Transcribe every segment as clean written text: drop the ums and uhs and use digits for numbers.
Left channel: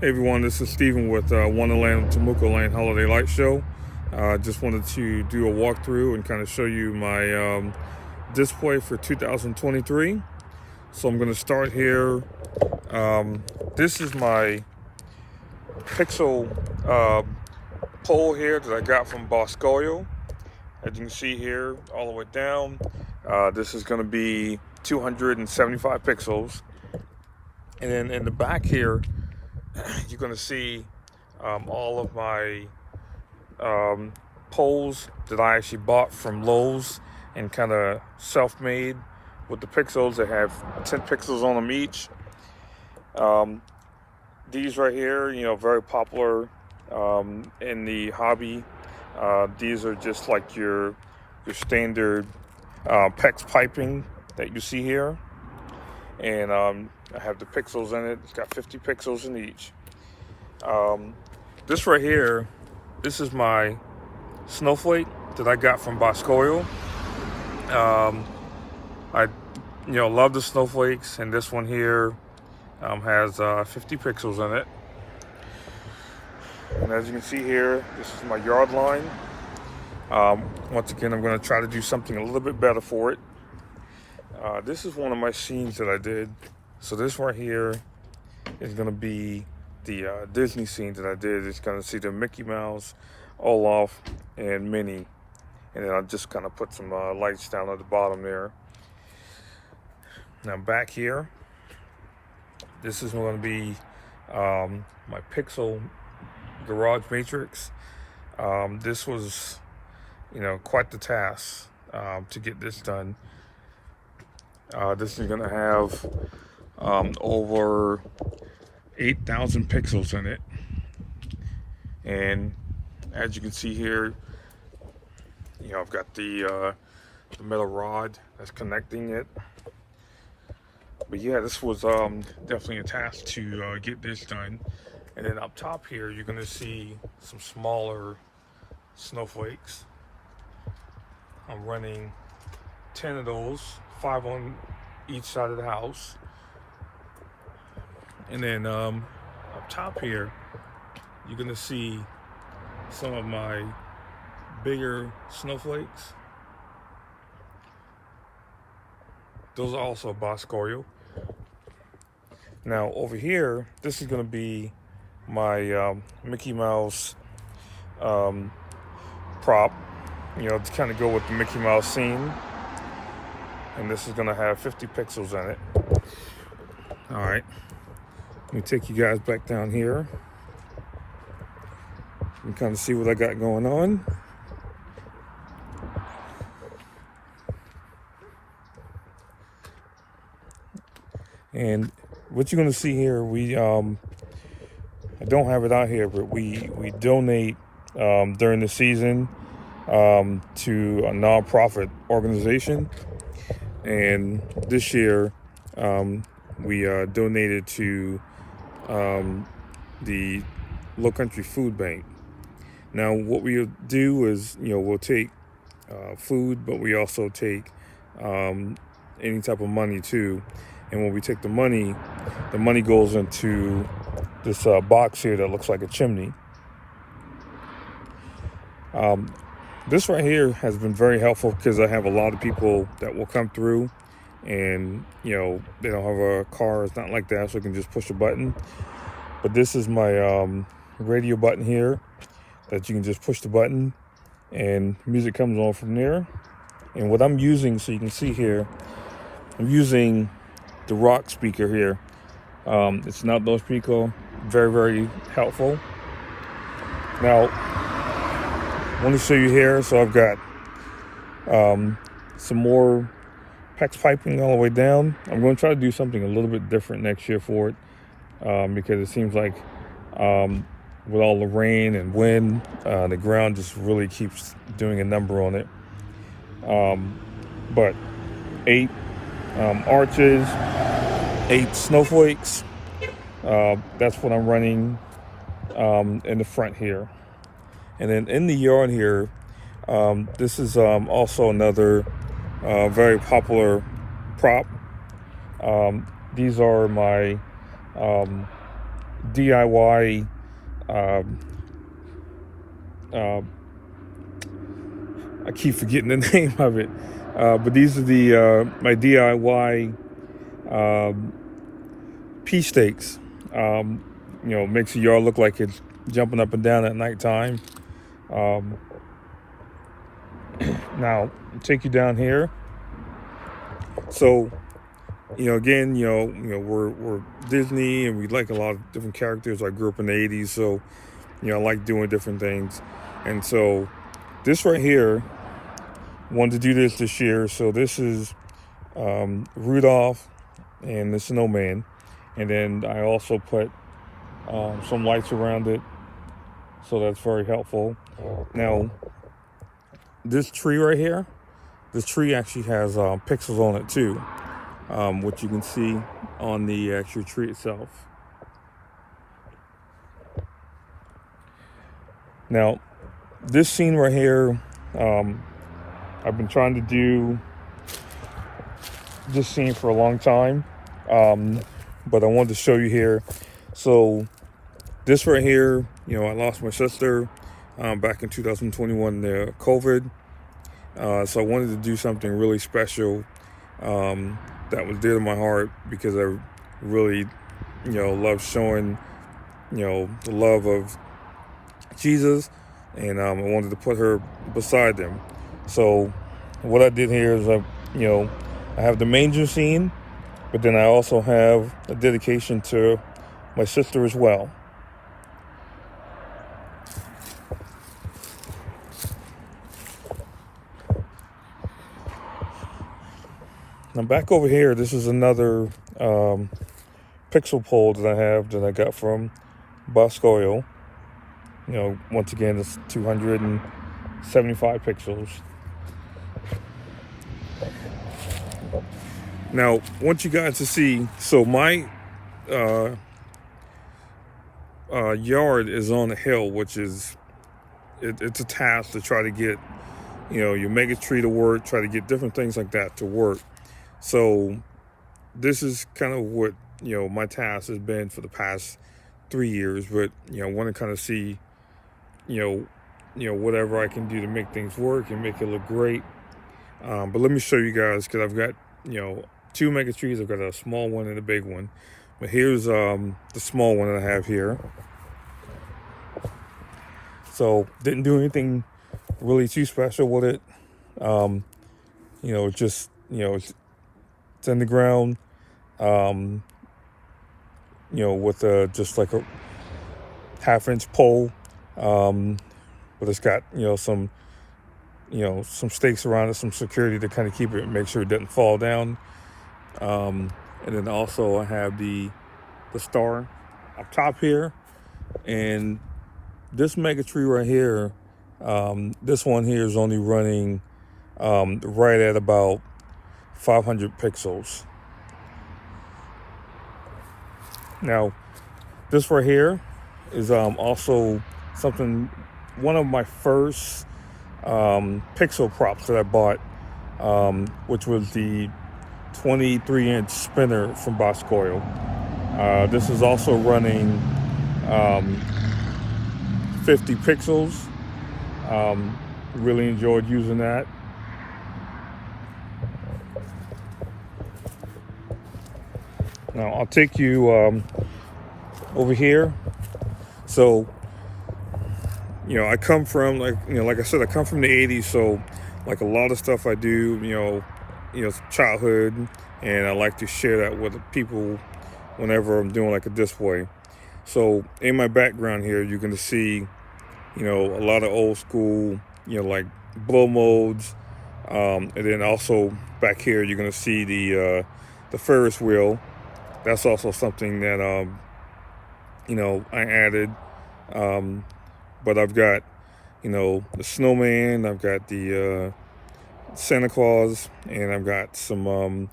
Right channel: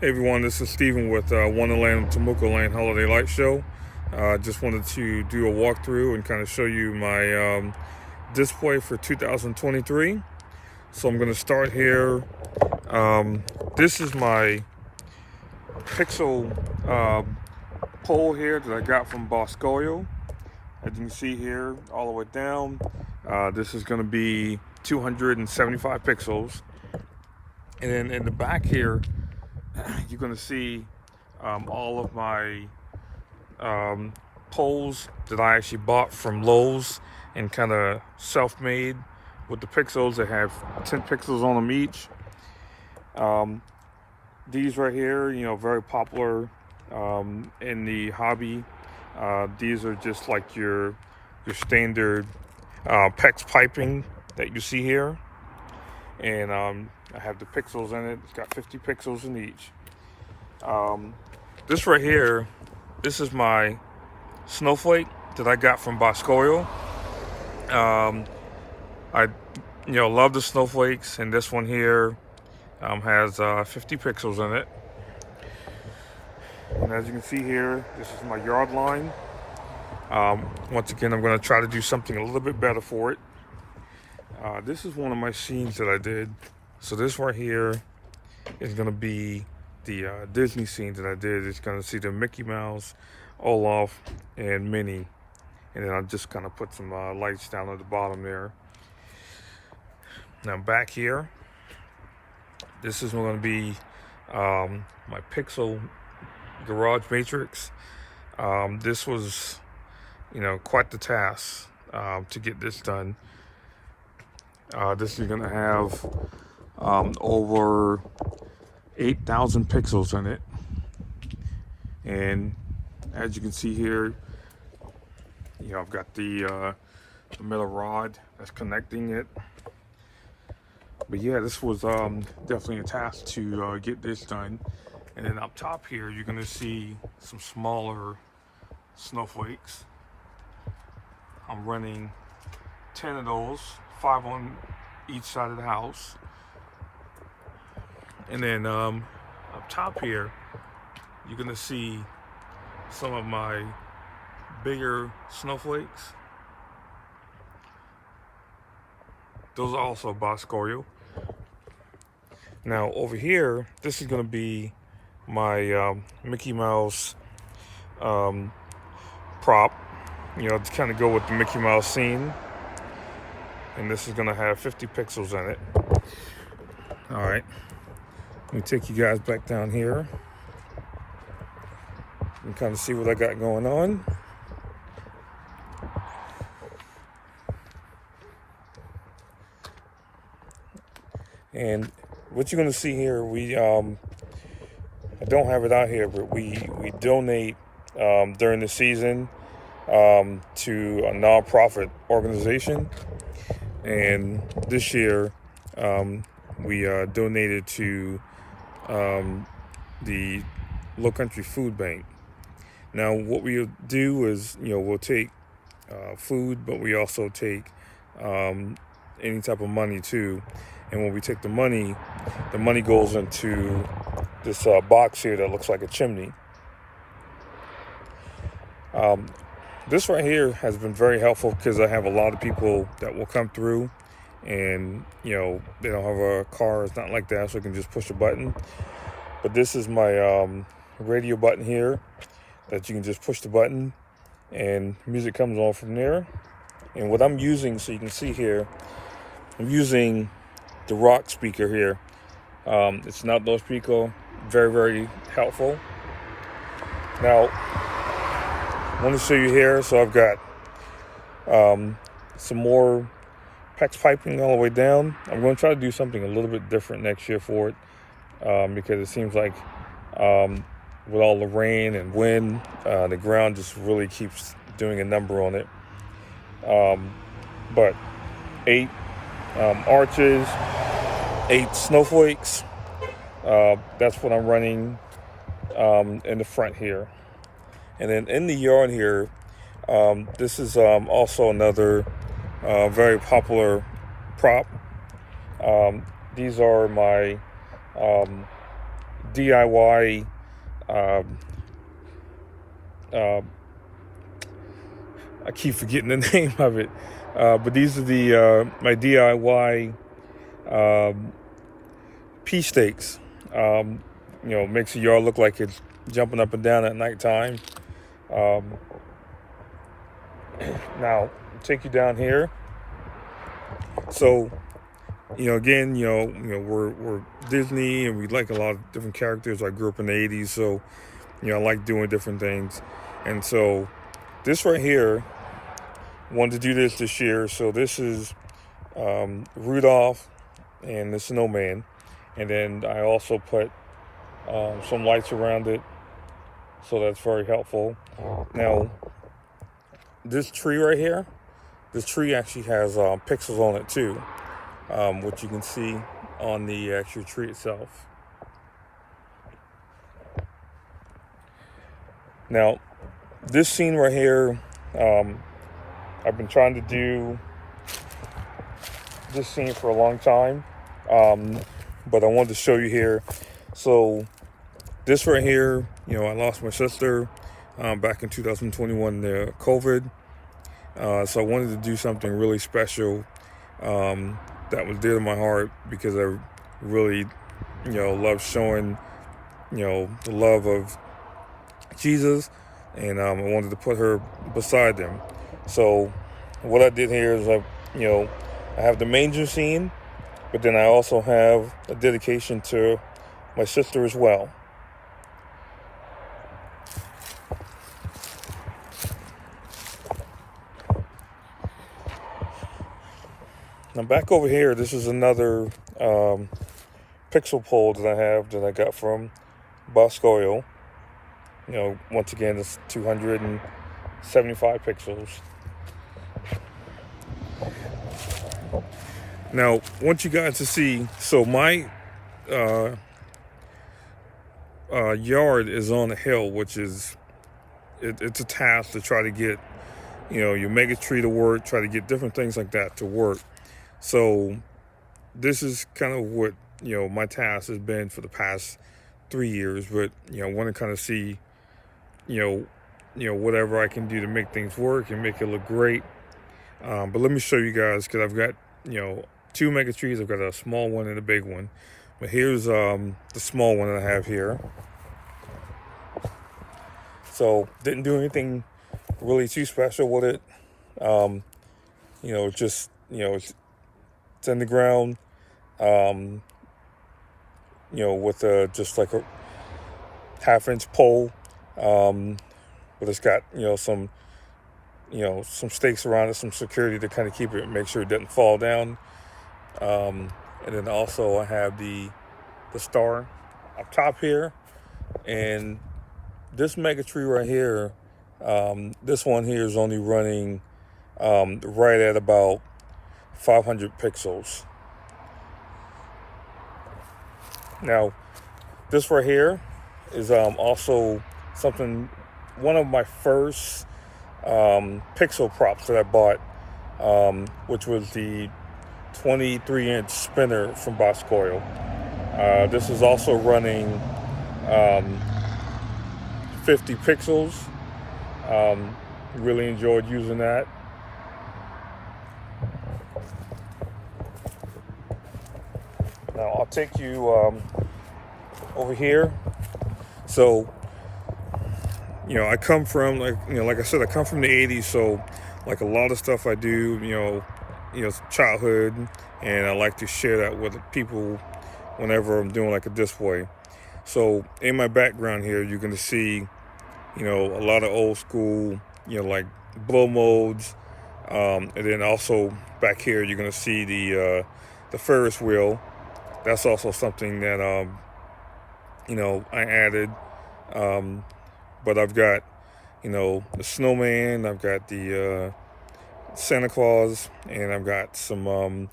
Hey everyone, this is Steven with Wonderland Temuco Land Holiday Light Show. Just wanted to do a walkthrough and kind of show you my display for 2023. So I'm going to start here. This is my pixel pole here that I got from Boscoyo. As you can see here, all the way down, this is going to be 275 pixels. And then in the back here, you're going to see all of my poles that I actually bought from Lowe's and kind of self-made with the pixels. They have 10 pixels on them each. These right here, very popular in the hobby. These are just like your standard PEX piping that you see here. And I have the pixels in it. It's got 50 pixels in each. This right here, this is my snowflake that I got from Boscoyo. I love the snowflakes, and this one here has 50 pixels in it. And as you can see here, this is my yard line. Once again, I'm going to try to do something a little bit better for it. This is one of my scenes that I did. So this right here is going to be the Disney scene that I did. It's going to see the Mickey Mouse, Olaf, and Minnie. And then I'll just kind of put some lights down at the bottom there. Now back here, this is going to be my pixel garage matrix. This was, quite the task to get this done. This is going to have over 8,000 pixels in it. And as you can see here, I've got the metal rod that's connecting it. But yeah, this was definitely a task to get this done. And then up top here, you're going to see some smaller snowflakes. I'm running 10 of those, 5 on each side of the house. And then up top here, you're going to see some of my bigger snowflakes. Those are also Boscoyo. Now over here, this is going to be my Mickey Mouse prop, to kind of go with the Mickey Mouse scene. And this is going to have 50 pixels in it. All right, let me take you guys back down here and kind of see what I got going on. And what you're going to see here, we I don't have it out here, but we donate during the season to a nonprofit organization. And this year we donated to the Low Country Food Bank. Now what we'll do is, we'll take food, but we also take any type of money too. And when we take the money goes into this box here that looks like a chimney. This right here has been very helpful because I have a lot of people that will come through and, they don't have a car. It's not like that, so I can just push a button. But this is my radio button here that you can just push the button and music comes on from there. And what I'm using, so you can see here, I'm using the rock speaker here. It's an outdoor speaker, very, very helpful. Now, I want to show you here, so I've got some more PEX piping all the way down. I'm going to try to do something a little bit different next year for it, because it seems like with all the rain and wind, the ground just really keeps doing a number on it. But 8 arches, 8 snowflakes. That's what I'm running in the front here. And then in the yard here, this is also another very popular prop. These are my DIY. Um, uh, I keep forgetting the name of it, but these are the my DIY pea steaks. Makes the yard look like it's jumping up and down at nighttime. Um, Now, I'll take you down here. So, again, we're Disney, and we like a lot of different characters. I grew up in the '80s, so I like doing different things. And so, this right here, wanted to do this year. So this is Rudolph and the snowman, and then I also put some lights around it, so that's very helpful. Now, this tree right here, this tree actually has pixels on it too, which you can see on the actual tree itself. Now, this scene right here, I've been trying to do this scene for a long time, but I wanted to show you here. So this right here, I lost my sister back in 2021, COVID. So I wanted to do something really special that was dear to my heart, because I really, love showing, the love of Jesus, and I wanted to put her beside them. So what I did here is, I have the manger scene, but then I also have a dedication to my sister as well. Now back over here, this is another pixel pole that I have that I got from Boscoyo. Once again, it's 275 pixels. Now, want you guys to see, so my yard is on a hill, which is, it's a task to try to get, your mega tree to work, try to get different things like that to work. So this is kind of what, my task has been for the past 3 years, but, I want to kind of see, whatever I can do to make things work and make it look great. But let me show you guys, because I've got, 2 mega trees. I've got a small one and a big one. But here's the small one that I have here. So didn't do anything really too special with it. Just, it's in the ground, with just like a 1/2-inch pole, but it's got, some stakes around it, some security to kind of keep it, make sure it doesn't fall down. And then also I have the star up top here, and this mega tree right here, this one here is only running right at about 500 pixels. Now, this right here is also something, one of my first pixel props that I bought, which was the 23-inch spinner from Boscoyo. This is also running 50 pixels. Really enjoyed using that. Now I'll take you over here. So, I come from, like I said, I come from the '80s. So, like a lot of stuff I do, childhood, and I like to share that with people whenever I'm doing like a display. So, in my background here, you're gonna see, a lot of old school, like blow molds, and then also back here you're gonna see the Ferris wheel. That's also something that I added. But I've got, the snowman, I've got the Santa Claus, and I've got some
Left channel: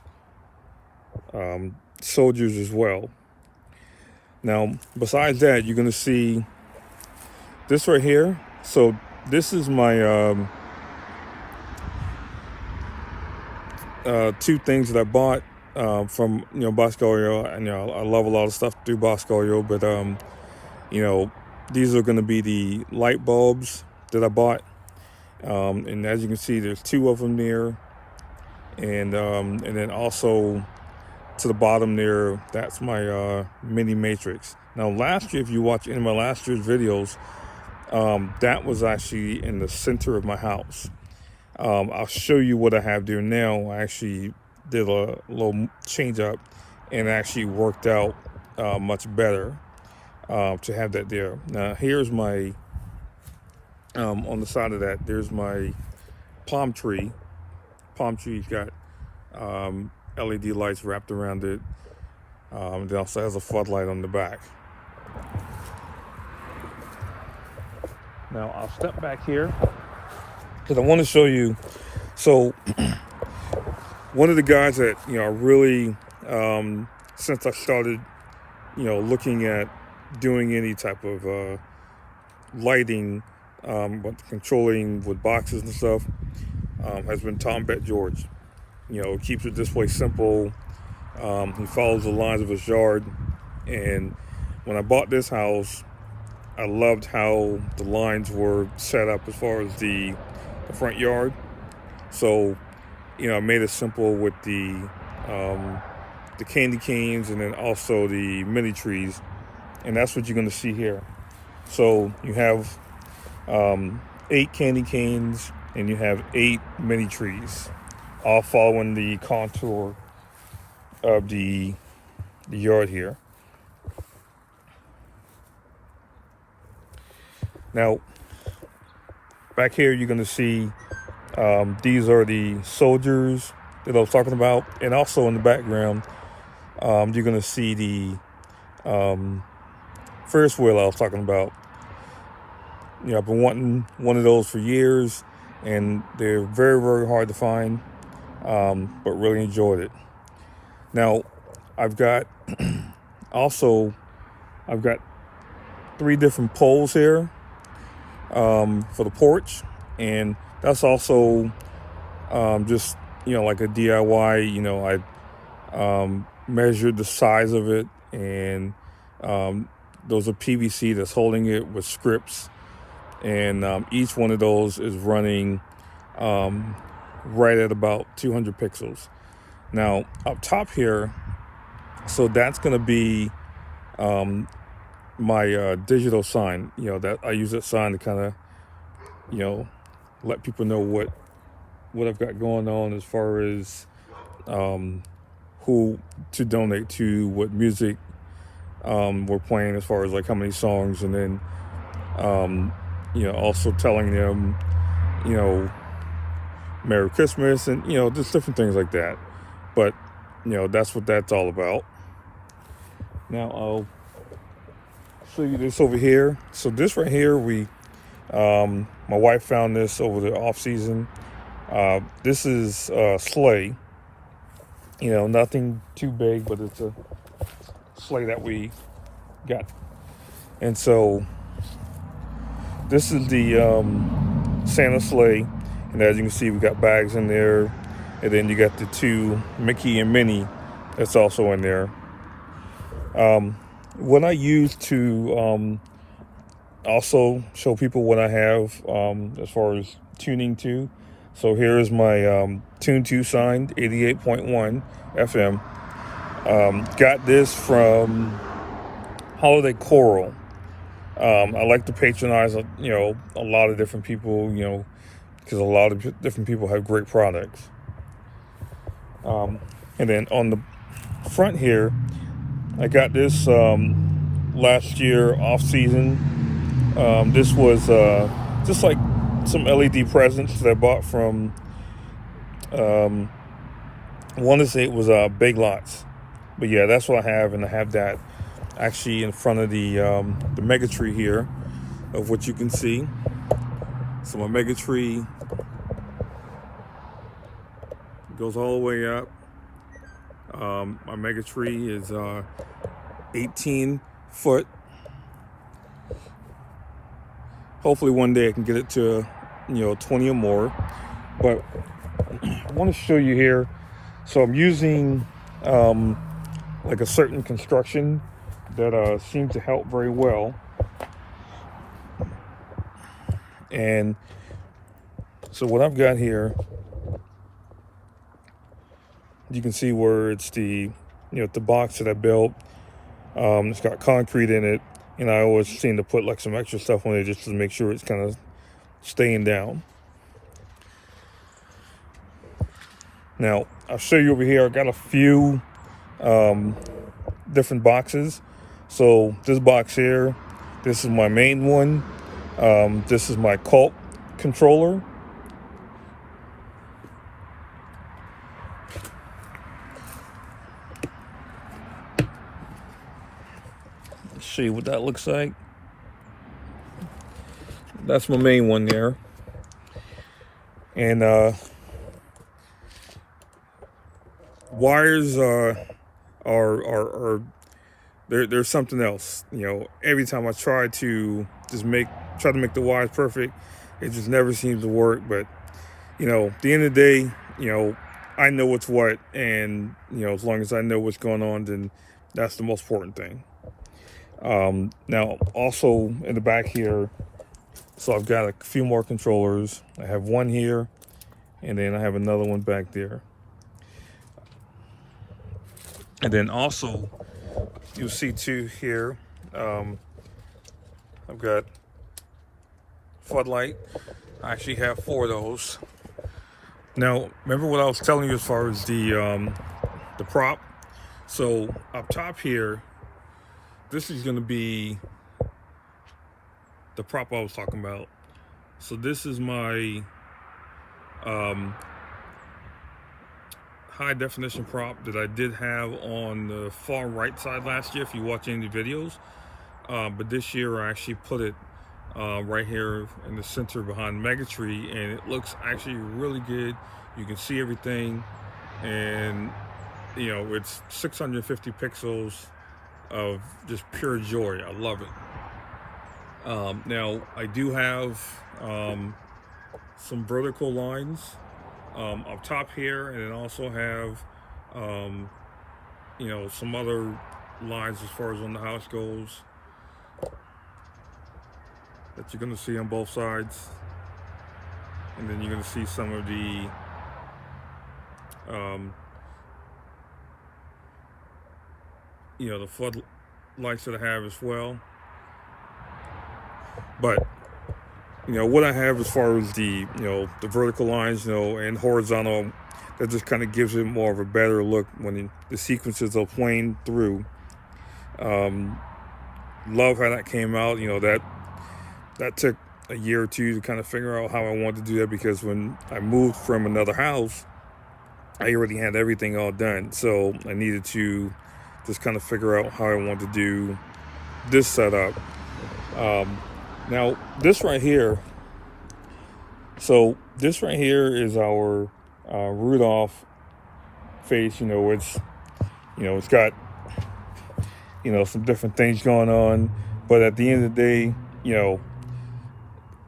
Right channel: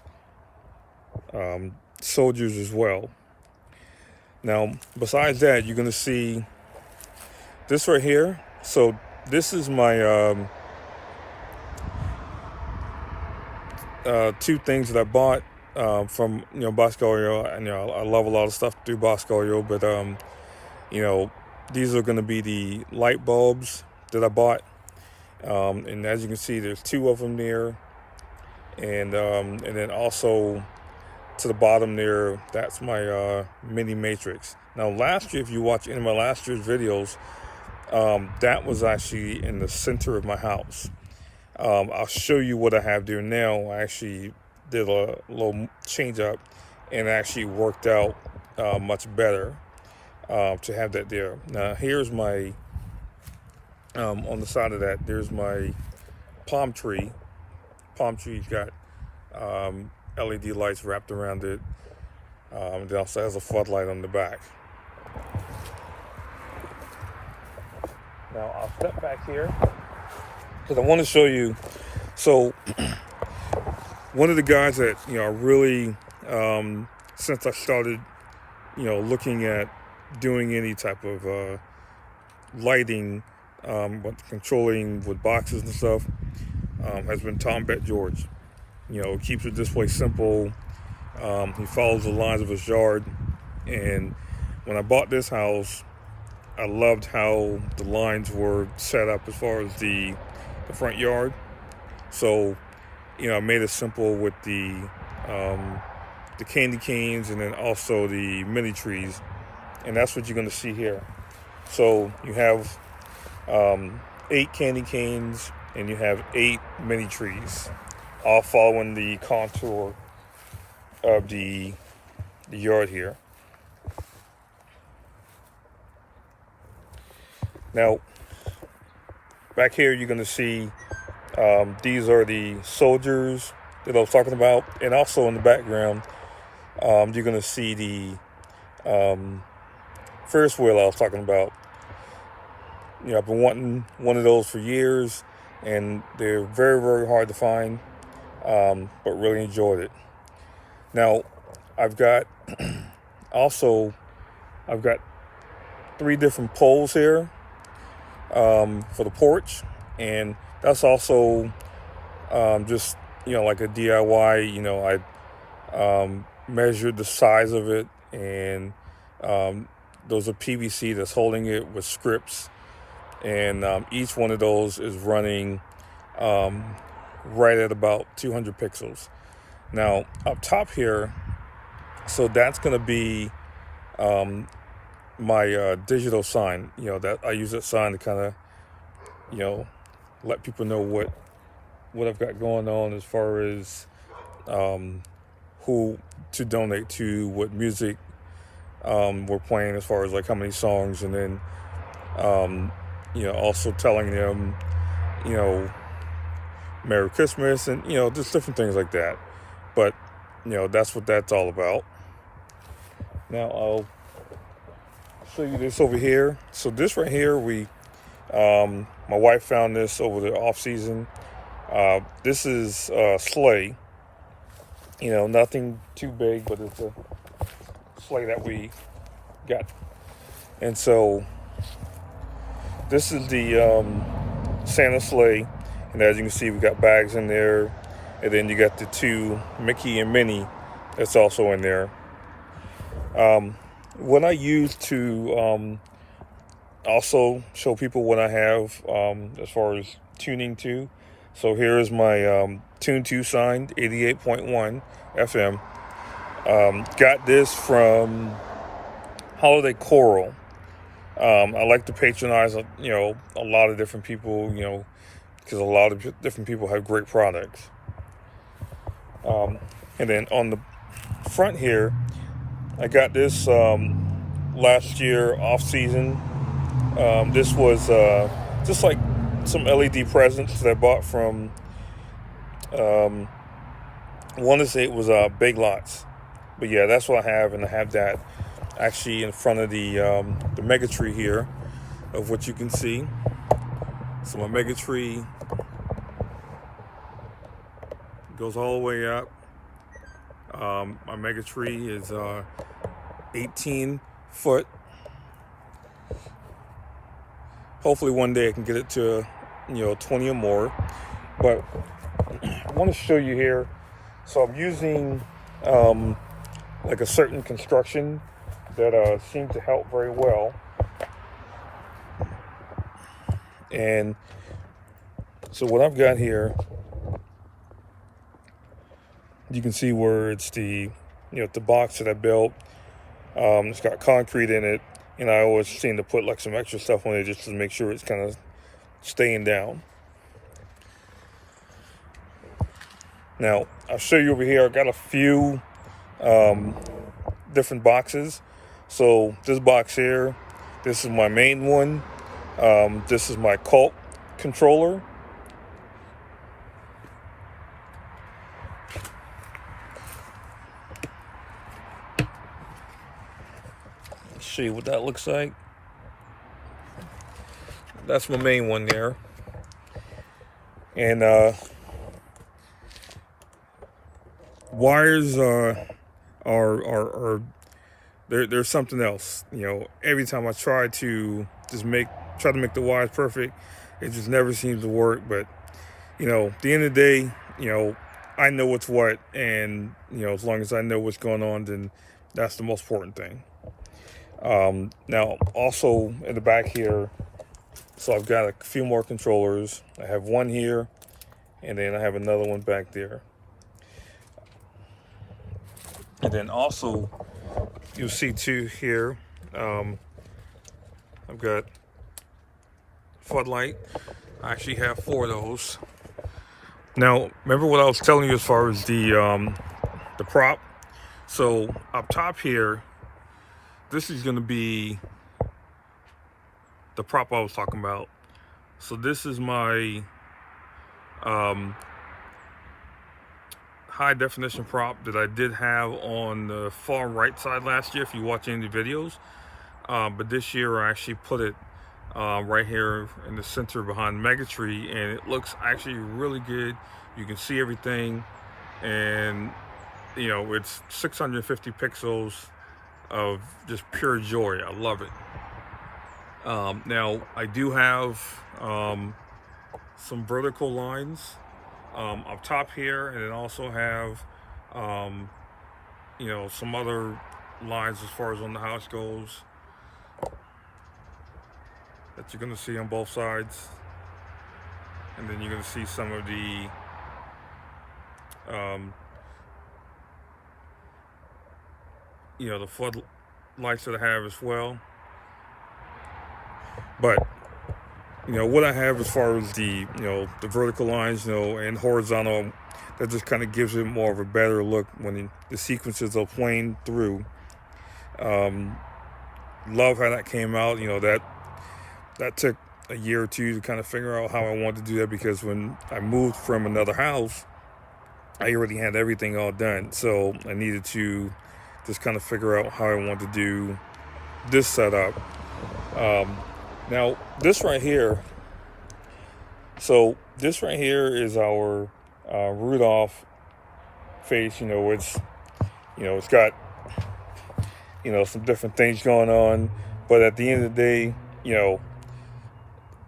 soldiers as well. Now, besides that, you're gonna see this right here. So this is my 2 things that I bought from Bosco Oil, and I love a lot of stuff through Bosco Oil, but these are going to be the light bulbs that I bought, and as you can see, there's 2 of them there, and then also to the bottom there, that's my mini matrix. Now last year, if you watch any of my last year's videos, that was actually in the center of my house. I'll show you what I have there now. I actually did a little change up and actually worked out much better to have that there. Now here's my, on the side of that, there's my palm tree. Palm tree's got LED lights wrapped around it. It also has a floodlight on the back. Now I'll step back here because I want to show you. So one of the guys that really since I started looking at doing any type of lighting, but controlling with boxes and stuff, has been Tom Bet George. Keeps it this way simple. He follows the lines of his yard, and when I bought this house, I loved how the lines were set up as far as the front yard. So I made it simple with the candy canes and then also the mini trees, and that's what you're going to see here. So you have 8 candy canes and you have 8 mini trees, all following the contour of the yard here. Now, back here you're going to see these are the soldiers that I was talking about, and also in the background you're going to see the Ferris wheel I was talking about. I've been wanting one of those for years, and they're very, very hard to find, but really enjoyed it. Now, I've got 3 different poles here for the porch, and that's also just like a DIY. I measured the size of it, and those are PVC that's holding it with scripts, and each one of those is running right at about 200 pixels. Now up top here, so that's going to be my digital sign. That I use that sign to kind of let people know what I've got going on as far as who to donate to, what music we're playing, as far as like how many songs, and then also telling them Merry Christmas, and just different things like that. But that's what that's all about. Now I'll show you this over here. So this right here, my wife found this over the off season. This is a sleigh. Nothing too big, but it's a sleigh that we got. And so this is the Santa sleigh, and as you can see, we got bags in there, and then you got the 2 Mickey and Minnie that's also in there. What I use to also show people what I have as far as tuning to. So here's my Tune 2 signed 88.1 FM. Got this from Holiday Coral. I like to patronize a lot of different people, because a lot of different people have great products. And then on the front here, I got this last year off season. This was just like some LED presents that I bought from I want to say it was Big Lots, but yeah, that's what I have, and I have that actually in front of the mega tree here, of what you can see. So my mega tree goes all the way up. My mega tree is 18 foot. Hopefully one day I can get it to 20 or more. But I want to show you here. So I'm using like a certain construction that seemed to help very well. And so what I've got here, you can see where it's the box that I built. It's got concrete in it, and I always seem to put like some extra stuff on it just to make sure it's kind of staying down. Now I'll show you over here. I got a few different boxes. So this box here, this is my main one. This is my cult controller. Let's see what that looks like. That's my main one there. And wires are there's something else. Every time I try to make the wires perfect, it just never seems to work. But at the end of the day, I know what's what, and as long as I know what's going on, then that's the most important thing. Now also in the back here, so I've got a few more controllers. I have one here, and then I have another one back there. And then also, you'll see two here. I've got floodlight. I actually have 4 of those. Now, remember what I was telling you as far as the prop? So up top here, this is going to be the prop I was talking about. So this is my high definition prop that I did have on the far right side last year, if you watch any of the videos. But this year I actually put it right here in the center behind the Megatree, and it looks actually really good. You can see everything, and it's 650 pixels of just pure joy. I love it. Now I do have some vertical lines up top here, and then also have some other lines as far as on the house goes that you're going to see on both sides. And then you're going to see some of the the floodlights that I have as well. But what I have as far as the the vertical lines and horizontal, that just kind of gives it more of a better look when the sequences are playing through. Love how that came out. That took a year or two to kind of figure out how I wanted to do that, because when I moved from another house, I already had everything all done. So I needed to just kind of figure out how I wanted to do this setup. Now this right here, so this right here is our Rudolph face. It's got some different things going on, but at the end of the day,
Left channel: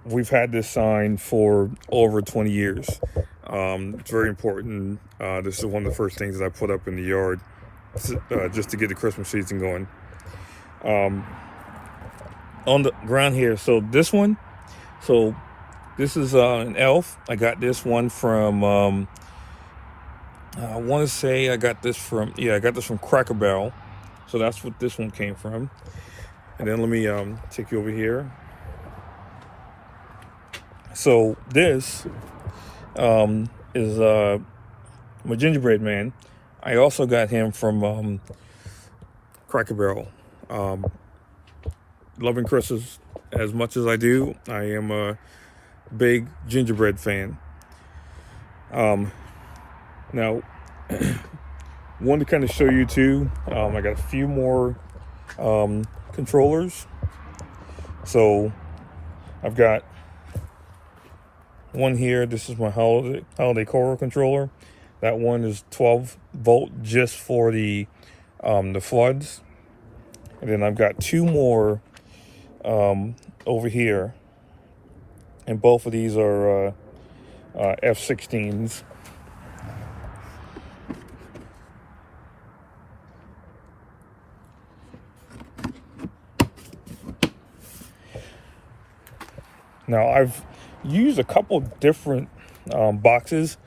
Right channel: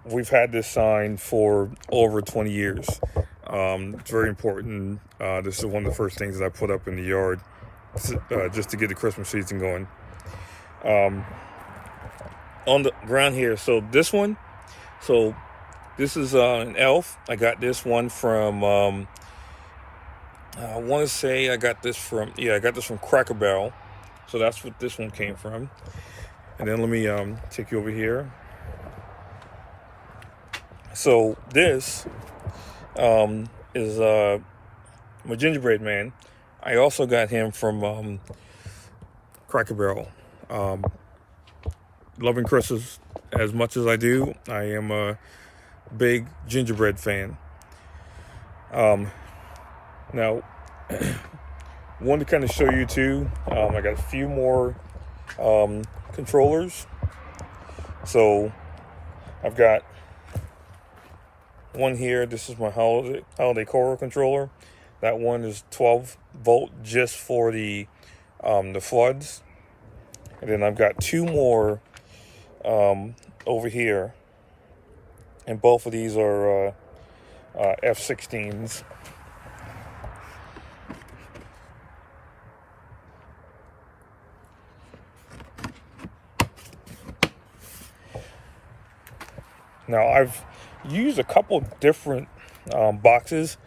we've had this sign for over 20 years. It's very important. This is one of the first things that I put up in the yard, just to get the Christmas season going. On the ground here, so this is an elf. I got this one from I want to say I got this from Cracker Barrel. So that's what this one came from. And then let me take you over here. So this is my gingerbread man. I also got him from Cracker Barrel. Loving Christmas as much as I do, I am a big gingerbread fan. Now, wanted to kind of show you too. I got a few more controllers. So I've got one here. This is my holiday core controller. That one is 12 volt just for the floods. And then I've got 2 more over here, and both of these are F16s. Now I've used a couple different boxes,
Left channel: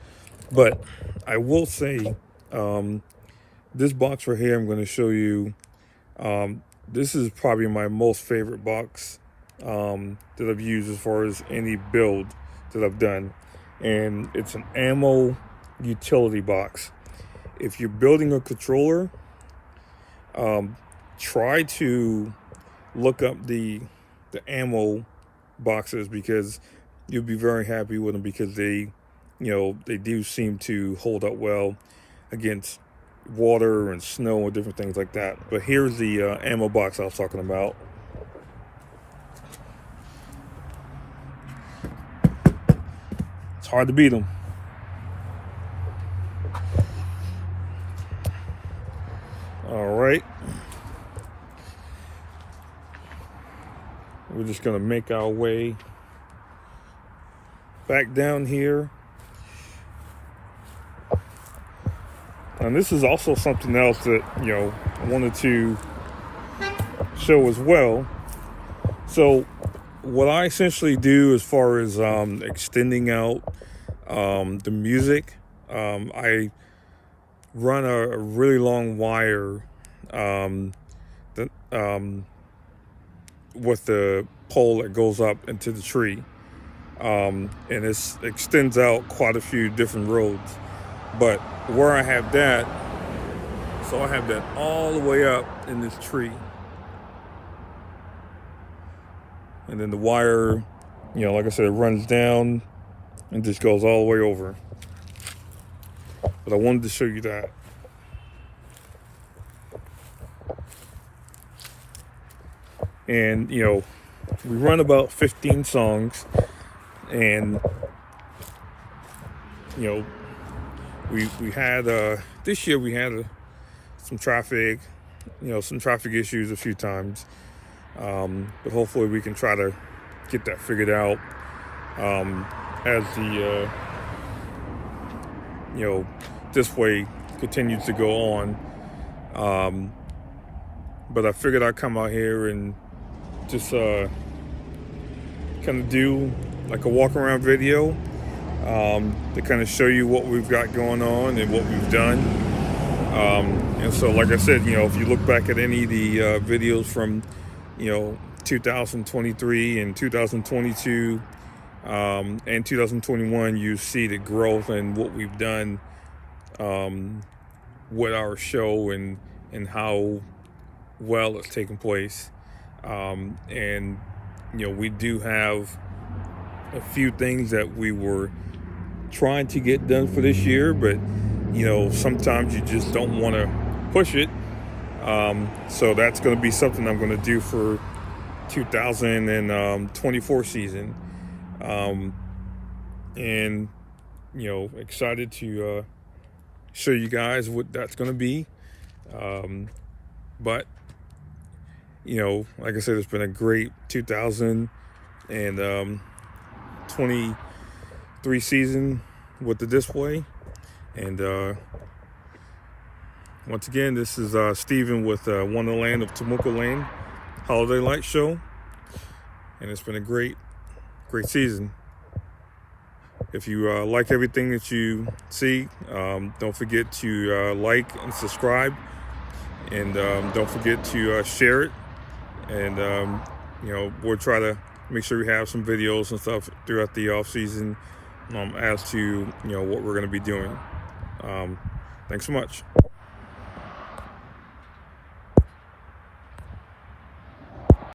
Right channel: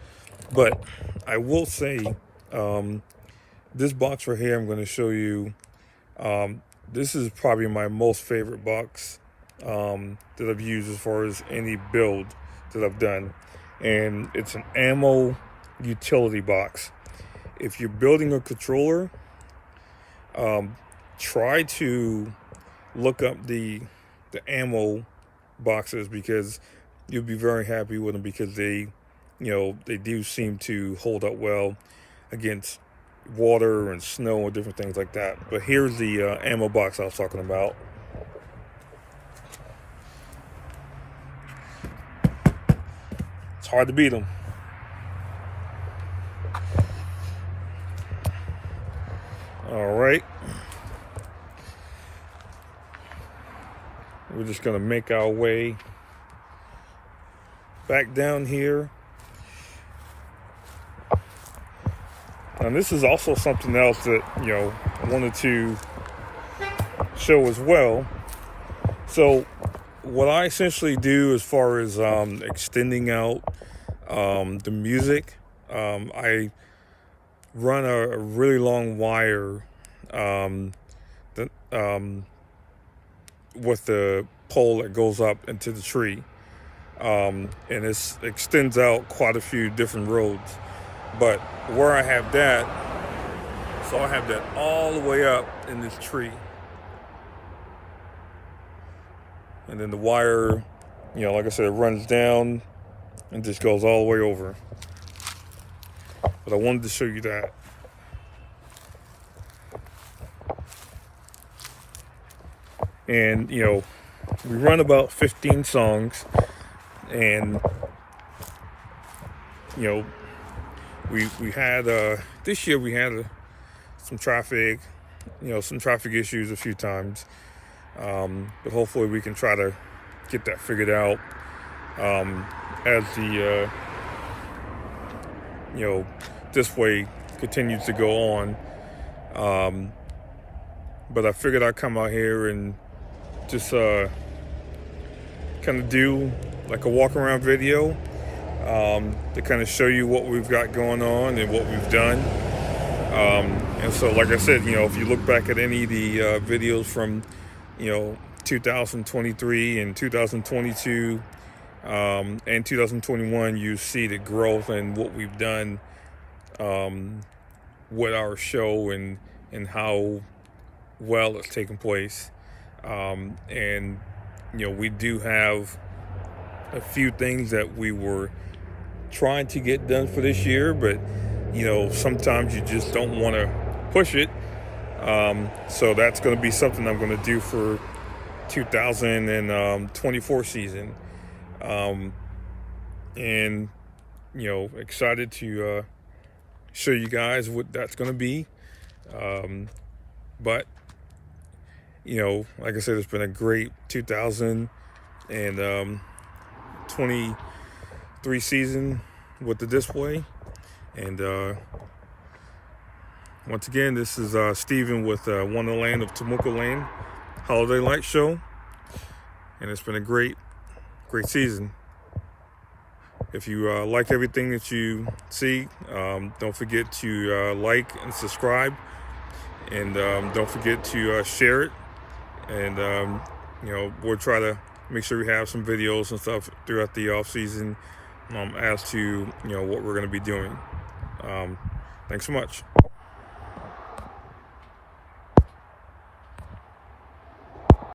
but I will say this box right here I'm going to show you, this is probably my most favorite box that I've used as far as any build that I've done, and it's an ammo utility box. If you're building a controller, try to look up the ammo boxes, because you'll be very happy with them, because they do seem to hold up well against water and snow and different things like that. But here's the ammo box I was talking about. It's hard to beat them. All right, we're just gonna make our way back down here. And this is also something else that, I wanted to show as well. So what I essentially do as far as extending out the music, I run a really long wire with the pole that goes up into the tree, and it extends out quite a few different roads. But where I have that, so I have that all the way up in this tree, and then the wire, like I said, it runs down and just goes all the way over. But I wanted to show you that. And we run about 15 songs, and we had this year we had some traffic issues a few times, but hopefully we can try to get that figured out as the display continues to go on. But I figured I'd come out here and just kind of do like a walk around video to kind of show you what we've got going on and what we've done. And so, like I said, if you look back at any of the videos from 2023 and 2022 and 2021, you see the growth and what we've done with our show and how well it's taken place. And we do have a few things that we were trying to get done for this year, but sometimes you just don't want to push it. So that's going to be something I'm going to do for 2024 season. And excited to show you guys what that's going to be. But like I said, it's been a great 2023 season with the display. And once again, this is Steven with Wonderland of Temuco Lane Holiday Light Show, and it's been a great season. If you like everything that you see, don't forget to like and subscribe, and don't forget to share it. And we'll try to make sure we have some videos and stuff throughout the off season as to what we're going to be doing. Thanks so much.